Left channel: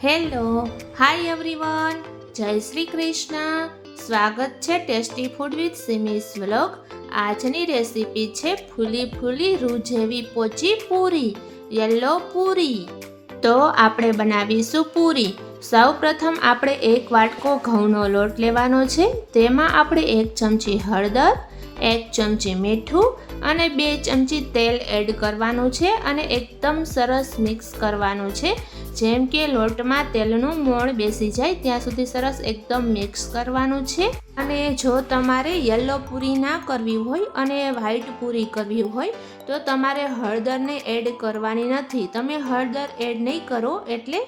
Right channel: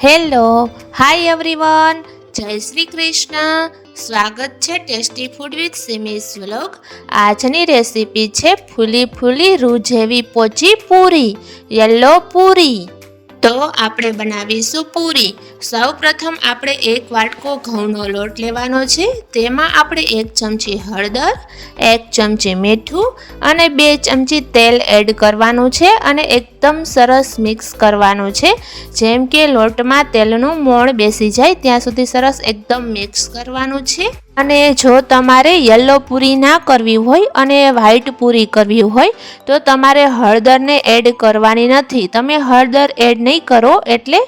Hello, hi everyone જય શ્રી કૃષ્ણ. સ્વાગત છે tasty food with Simi's vlog આજની રેસીપી છે ફૂલી ફૂલી રૂ જેવી પોચી પૂરી યલો પૂરી. તો આપણે બનાવીશું પૂરી. સૌ પ્રથમ આપણે એક વાટકો ઘઉંનો લોટ લેવાનો છે. તેમાં આપણે એક ચમચી હળદર, એક ચમચી મીઠું અને બે ચમચી તેલ એડ કરવાનું છે અને એકદમ સરસ મિક્સ કરવાનું છે. જેમ કે લોટમાં તેલનું મોણ બેસી જાય ત્યાં સુધી સરસ એકદમ મિક્સ કરવાનું છે. અને જો તમારે યલો પૂરી ના કરવી હોય અને વ્હાઈટ પૂરી કરવી હોય, તો તમારે હળદરને એડ કરવાની નથી. તમે હળદર એડ નહીં કરો એટલે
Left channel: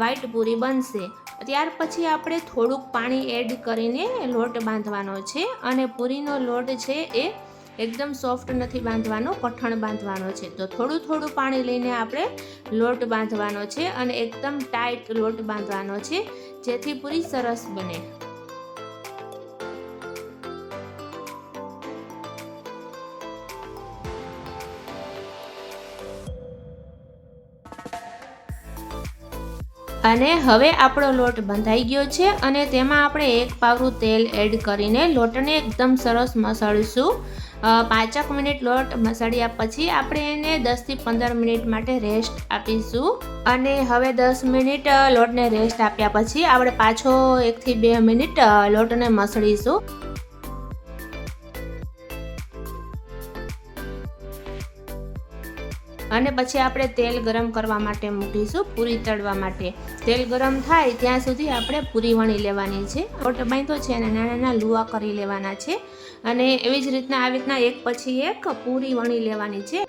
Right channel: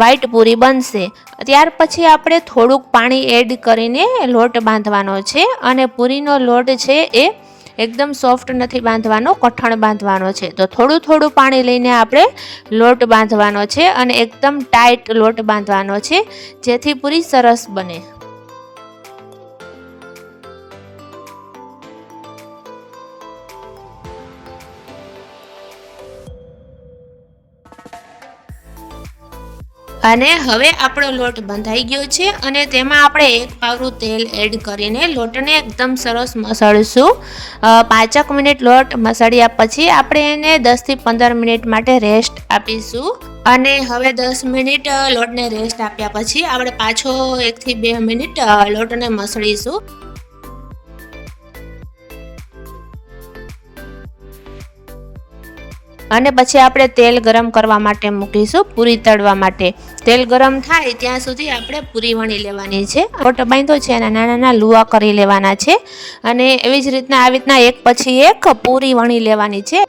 વ્હાઈટ પૂરી બનશે. ત્યાર પછી આપણે થોડુંક પાણી એડ કરીને લોટ બાંધવાનો છે અને પૂરીનો લોટ છે એ એકદમ સોફ્ટ નથી બાંધવાનો, કઠણ બાંધવાનો છે. તો થોડું થોડું પાણી લઈને આપણે લોટ બાંધવાનો છે અને એકદમ ટાઈટ લોટ બાંધવાનો છે, જેથી પૂરી સરસ બને. અને હવે આપણો લોટ બંધાઈ ગયો છે અને તેમાં આપણે એક પાવરું તેલ એડ કરીને લોટને એકદમ સરસ મસળશું. પાંચક મિનિટ લોટ મસળ્યા પછી આપણે એને દસથી પંદર મિનિટ માટે રેસ્ટ આપીશું. અને હવે દસ મિનિટ લોટને રેસ્ટ આપ્યા પછી આપણે પાછો એકથી બે મિનિટ લોટને મસળીશું. અને પછી આપણે તેલ ગરમ કરવા માટે મૂકીશું પૂરી તળવા માટે. તેલ ગરમ થાય ત્યાં સુધી આપણે પૂરી વણી લેવાની છે. લોટ બાંધો છે અને નાના નાના લુવા કરી લેવાના છે. અને એવી જ રીતના આવી રીતના એક પછી એક પૂરી વણી લેવાની છે.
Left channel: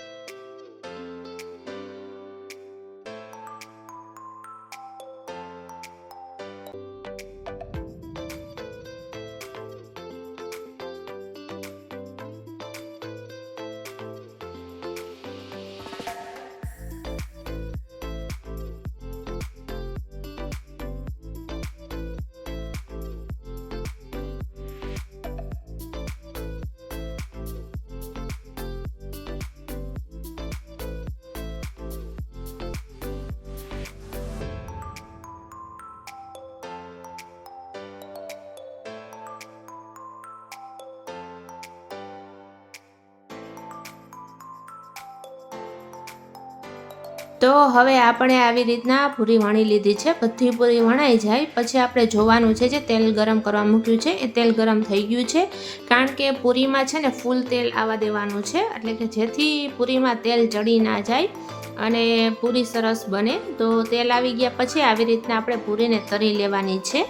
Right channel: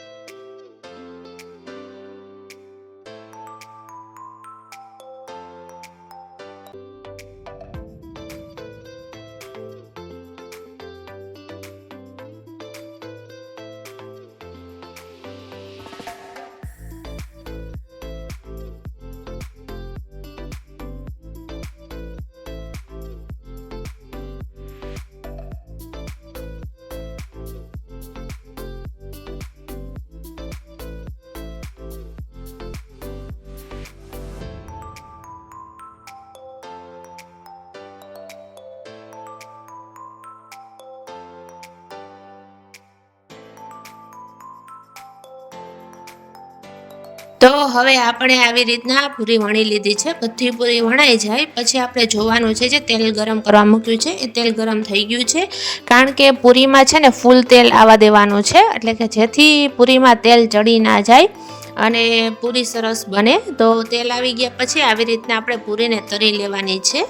તો હવે આપણે આવી રીતના પૂરી વણી લીધી છે. બધી પૂરી વણાઈ જાય. પછી આપણે જોવાનું છે જે તેલ ગરમ કરવા મૂક્યું છે. એ તેલ ગરમ થઈ ગયું છે. કારણ કે પૂરીમાં છે ને ફૂલ તેલ આવવા દેવાનું છે. એટલે કે જેથી પૂરીમાં તેલ ચડી ના જાય અને પૂરી સરસ બને. તો તેલ આવી ગયા પછી આવી રીતના આપણે પૂરીને તરી લેવાની છે.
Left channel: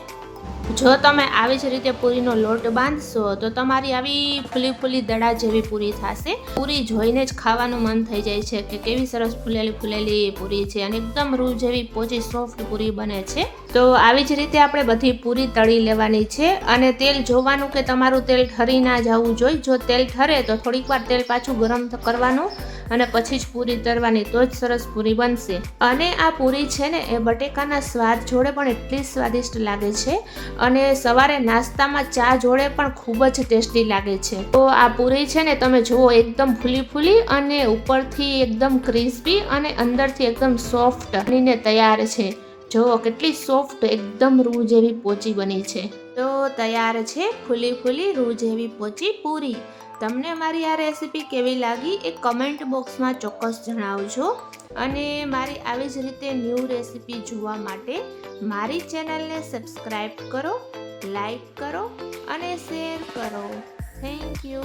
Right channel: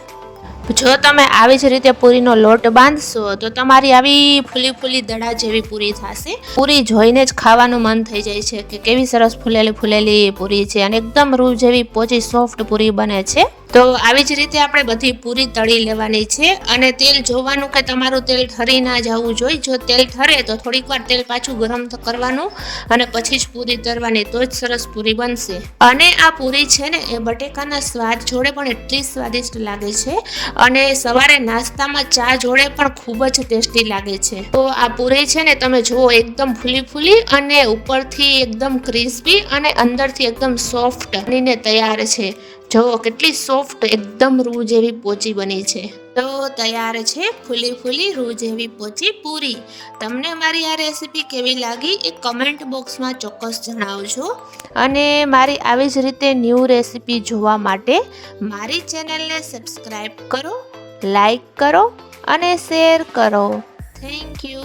જો તમે આવી જ રીતે પૂરીનો લોટ બાંધશો, તો તમારી આવી ફૂલી ફૂલી દડા જેવી પૂરી થશે. પૂરી જોઈને જ ખાવાનું મન થઈ જાય છે કે કેવી સરસ ફૂલેલી ફૂલેલી પૂરી છે અને એકદમ રૂ જેવી પોચી સોફ્ટ પૂરી બને છે. તો આવી જ રીતે આપણે બધી પૂરી તળી લેવાની છે અને તેલ જોવાનું કે તમારું તેલ ઠરી ના જવું જોઈએ જો તેલ ઠરે તો થોડીક વાર તેલ પાછું ગરમ કરવાનું અને પછી જ પૂરી તરવાની તો જ સરસ પૂરી બનશે. અને આ પૂરી છે ને એ બટેકાના સ્વાદ જોડે પણ એટલી સ્વાદિષ્ટ લાગે છે. અને સવારે નાસ્તામાં ચા જોડે પણ ખૂબ જ ટેસ્ટી લાગે છે. તો આ પૂરી છે ને તમે જુઓ, એકદમ ફૂલી ફૂલી અને ઉપરથી એકદમ ક્રિસ્પી અને અંદરથી એકદમ સોફ્ટ બનીને તૈયાર છે. જુઓ કેટલી સોફ્ટ, એકદમ રૂ જેવી પોચી બની છે. તો તૈયાર છે ફૂલી ફૂલી રૂ જેવી પોચી પૂરી. તમને મારી આ રેસીપી કેવી લાગી એ કમેન્ટ બોક્સમાં ચોક્કસ જણાવજો. અને મારી આવી જ રીતે ન્યૂ રેસીપી જોવા માટે મારી ચેનલને સબસ્ક્રાઈબ કરો લાઈક કરો અને શેર કરો. Thank you